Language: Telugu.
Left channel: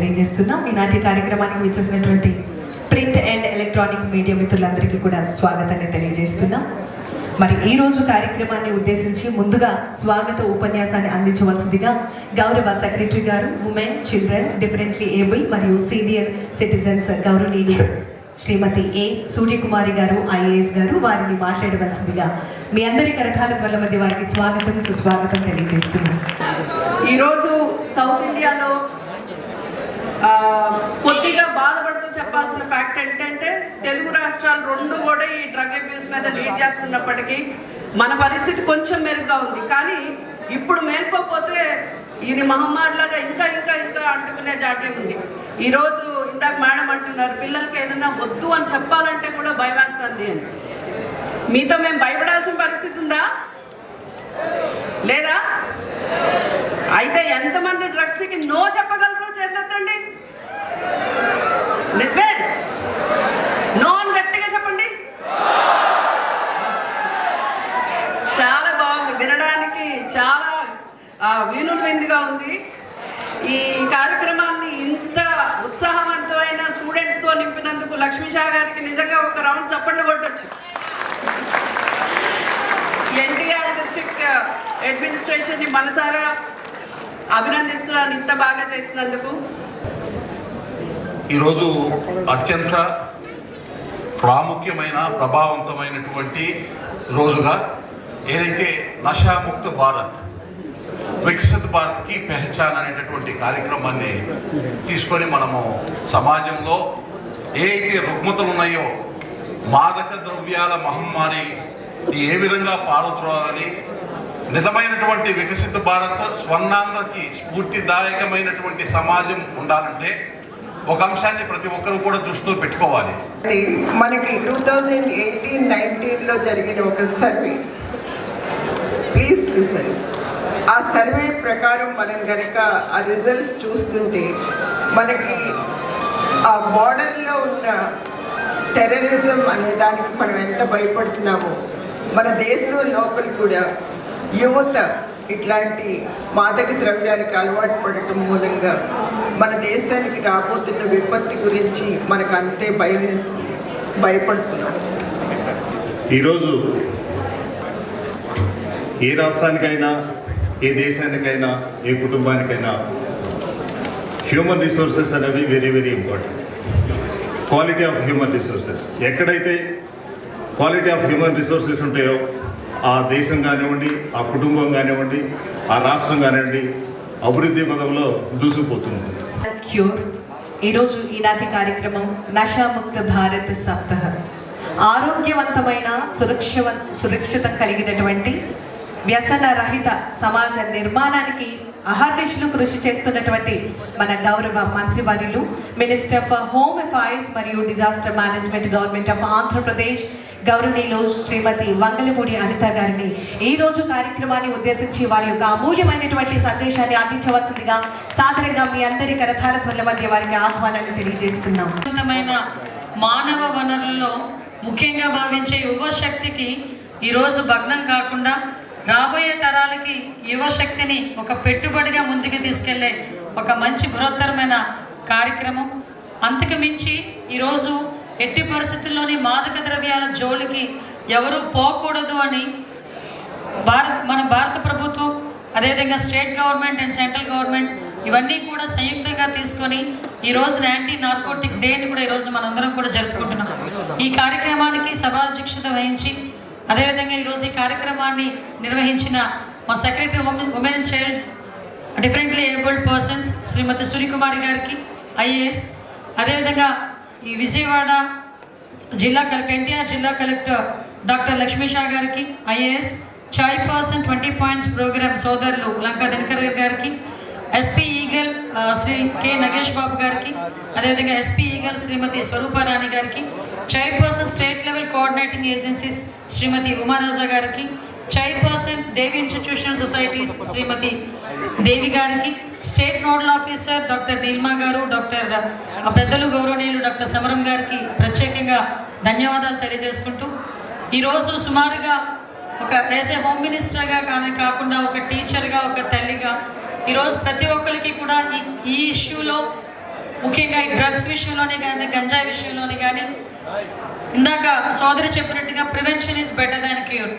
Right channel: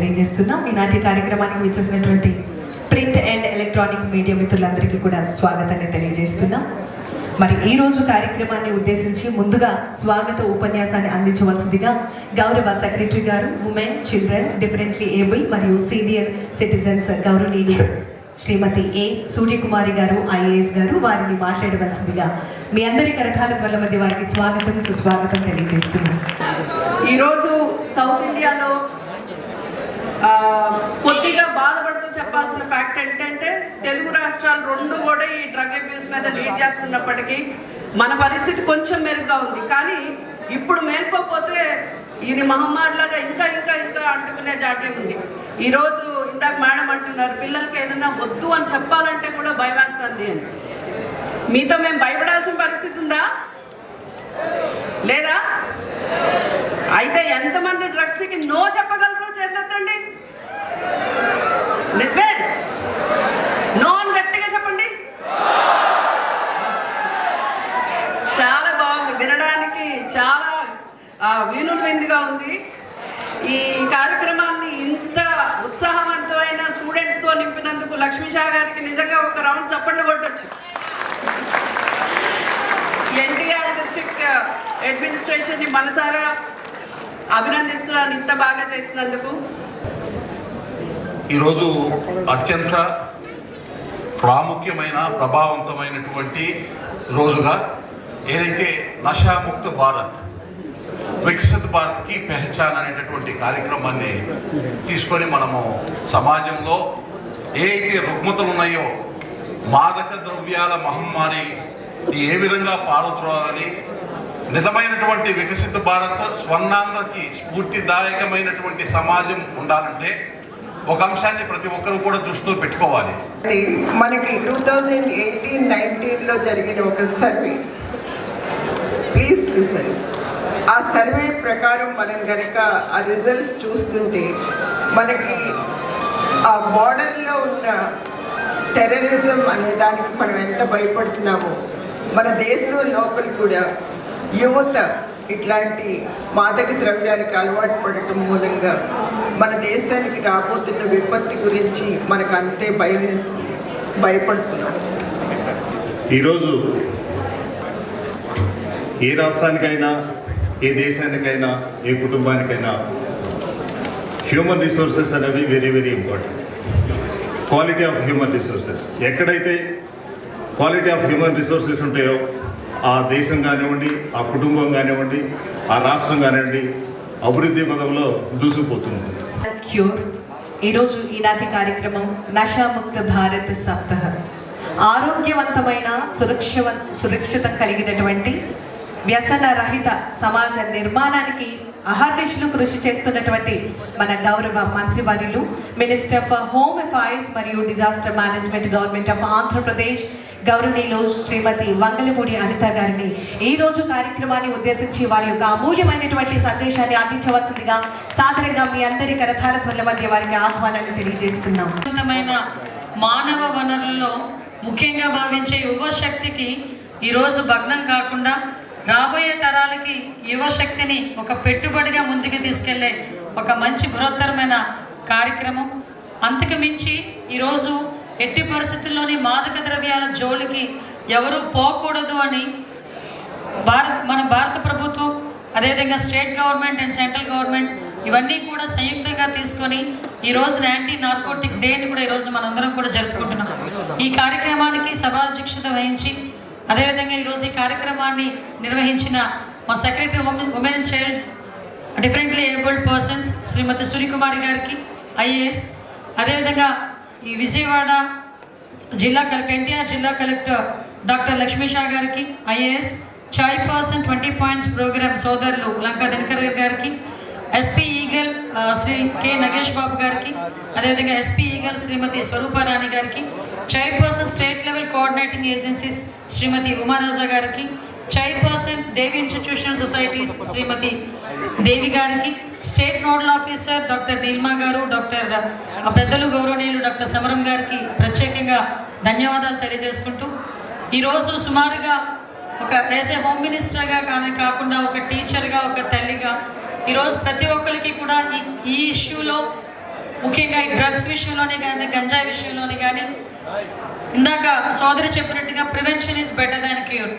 తెలియజేస్తున్నాం. ఈనాటి కార్యక్రమానికి విచ్చేసినటువంటి ప్రింట్ అండ్ ఎలక్ట్రానిక్ మీడియా మిత్రులందరికీ కూడా స్వాగతాన్ని తెలియజేస్తున్నాం. మరి ఈ రోజు కార్యక్రమాన్ని ఉద్దేశించి ముందుగా స్వాగత ఉపన్యాసాన్ని అందించవలసిందిగా గౌరవ సెక్రటరీ గారు, ఉమెన్, చిల్డ్రన్, డిఫరెంట్లీ ఏబుల్ మరియు సీనియర్ సిటిజన్స్ గౌరవనీయులు శ్రీమతి ఏ సూర్యకుమారి గారు ఐఏఎస్ గారు వారిని మాట్లాడవలసిందిగా మీ అందరి కరతాల ధ్వనుల మధ్య వారికి స్వాగతం సుస్వాగతం తెలియజేస్తున్నాం. ఈరోజు సౌత్ ఇండియాలో కొద్దిగా బాధపడుతూ చెప్పాల్సిన ఫ్యాక్ట్ ఏంటంటే తెలుగు రాష్ట్రాలు రెండు కూడా ఈ డ్రగ్ అబ్యూస్ మీద లీడ్ చేస్తున్నప్పటికీ మన పరిస్థితి కొంచెం మెరుగ్గా ఉంది. కానీ ఇప్పుడు మేల్కోకపోతే ఇది మహమ్మారిలాగా ఇంకా ఇంకా ఇంకా అంటుకునే జాటే ఉంది. ఈరోజు ఇందాక మేడం అంటున్నారు పిల్లలకి ఏదైనా వద్దు అని చెప్పాలంటే కూడా భయం వేస్తుంది అని. మీతో మేము భయపడాల్సిన పరిస్థితి ఉందా లేదా? అయితే ఎంతమంది డ్రగ్స్కి నో చెప్పగలరు చేద్దండి? నిజమే, నో అని గట్టిగా చెప్పండి. చాలా బాగుంది, వినడానికి చాలా వినులువిందుగా ఉంది. ఈ కార్యక్రమాన్ని ఇంత ఉత్సాహవంతమైన స్టూడెంట్స్తో నింపినందుకు లక్ష్మీ షా గారికి నిజంగా ఒక రౌండ్ చప్పట్లు కొట్టచ్చు. ఎన్టీఆర్ డిస్ట్రిక్ట్ అడ్మినిస్ట్రేషన్ని మనసారా అభినందిస్తున్నాను ఇంత బాగా చేసినందుకు. ఈరోజు అత్యంత ప్రాముఖ్యమైన ప్రభావవంతమైనటువంటి రోజుగా ఏదైతే నషాముక్త భారత్ వికసిత్ భారత్కి పెహచాన్ అనేటటువంటి కార్యక్రమాన్ని తీసుకొని మనము సమాజంలో ఏ అయితే రుగ్మతలు ఉన్నాయో మాదక ద్రవ్యాల మహమ్మారి ఏ విధంగా పారుద్రోలని నిజమైనటువంటి వికసిత భారత్ స్వర్ణాంధ్రకి స్ఫూర్తిదాయకమైనటువంటి సమాజం ఉండాలంటే ఒక అంశాన్ని ప్రతి ఒక్కరూ కూడా దృష్టిలో పెట్టుకోవాలి. మనకి 2018-19లో జరిగిన ఒక సర్వే, ప్లీజ్ లిసన్. ఆ సర్వే ప్రకారం మనం కనుక ఆ రిజల్ట్స్ చూస్తుంటే మనకి ఆ బార్డర్లో ఉన్న టెర్రరిజం అనే దానికి మనం ఎంత భయపడుతున్నామో, మన దేశం లోపల కూడా యువత ఇట్లాంటి మాదక ద్రవ్యాలకు అలవాటు పడటం మూలంగా మన దేశానికి రాబోతున్న విపత్తి గురించి మనకు అంతే భయపడుతున్నాం. ఈరోజు ఏ రాష్ట్రానికైనా, ఏ దేశానికైనా, ఏ కుటుంబానికైనా హ్యూమన్ రిసోర్సెస్ అనేవి very very important. Quality of human resources, ఎక్కడైతే క్వాలిటీ ఆఫ్ హ్యూమన్ రిసోర్సెస్ ఉంటాయో ఆ దేశం కానివ్వండి, ఆ కుటుంబం కానివ్వండి, ఆ రాష్ట్రం కానివ్వండి అభివృద్ధి పదంలో దూసుకుపోతుంది. ఈరోజు ఈనాటి కార్యక్రమం నషాముక్త భారత్ సప్తాహ. ఆరోగ్యవంతమైన సురక్షితం కలిగినటువంటి వ్యసన రహిత సమాజ నిర్మాణానికి అహర్నిశలు కృషి చేస్తున్నటువంటి మన గౌరవ మంత్రివర్యులు, మినిస్టర్ ఫర్ హోమ్ అఫైర్స్ మరియు disaster management, government of Andhra Pradesh, గౌరవనీయులు శ్రీమతి వంగలపూడి అనిత గారిని ఈ రోజు కార్యక్రమాన్ని ఉద్దేశించి వారి యొక్క అమూల్యమైనటువంటి సందేశాన్ని అందించవలసిందిగా సాధారణంగా మీ అందరి కరతాల ధ్వనుల మధ్య వారికి ఆహ్వానాన్ని తెలియజేస్తున్నాం. మానవ వనరుల్లో ముఖ్యంగా భావించే యువశక్తికి ఈరోజు భగ్నం కాకుండా రాబోయే తరాలకి యువశక్తిని ఒక పెట్టుబడిగా ముందుకు తీసుకెళ్లే ఒక మంచి బృహత్తరమైన కార్యక్రమం. అంతకు మించి ఈరోజు ఎట్టి పరిస్థితుల్లోని మాదక ద్రవ్యాల జోలికి ఎవరూ పోకూడదు అని మన భారత ప్రభుత్వం, అదేవిధంగా state government and central government ఇవన్నీ కూడా సంయుక్తంగా తీసుకొని ఈరోజు యాంటీ నార్కోటిక్ డేని కూడా ఈరోజు మనందరం కూడా జరుపుకుంటున్నాం. ఈ కార్యక్రమానికి సభాధ్యక్షత వహించి అదేవిధంగా ఈరోజు ఈ కార్యక్రమాన్ని నిర్వహించిన మా secretary women and child differently abled persons Shrimati Suryakumari గారికి ఐఏఎస్, అదేవిధంగా ఈ విజయవాడ జిల్లా కలెక్టర్, ఎన్టీఆర్ జిల్లా కలెక్టర్ డాక్టర్ లక్ష్మీ షా గారికి ఐఏఎస్, చైర్పర్సన్ 20 పాయింట్స్ ప్రోగ్రామ్ సోదరులు లంకా దినకర్ గారికి, SP EAGLE Shri K Nagesh Babu గారికి, అదేవిధంగా ఎస్పీ ఈగల్ శ్రీమతి స్వరూపారాణి గారికి, chairperson state level coordinating agencies Shrimati Umaraja గారికి, chairperson Devi institutional societies Shrimati Devi గారికి, state nodal officer doctor Neelma గారు, డాక్టర్ పెద్దలు గౌరవనీయులు డాక్టర్ సమరం గారికి ప్రత్యేకంగా ధన్యవాదాలు తెలియజేసుకుంటూ ఈరోజు సుమారుగా ఒక యాజ్ ఏ హోమ్ మినిస్టర్గా కాకుండా ఒక టీచర్గా, ఒక తల్లిగా ఈరోజు ప్రతి ఒక్కరికి కూడా ఈ ఇష్యూలో ముఖ్యంగా ఈ డ్రగ్స్ విషయంలోనే కానీ గంజాయి విషయంలోనే కానీ ఇందాక సోదరి చెప్పినట్టుగా prevention is better than cure.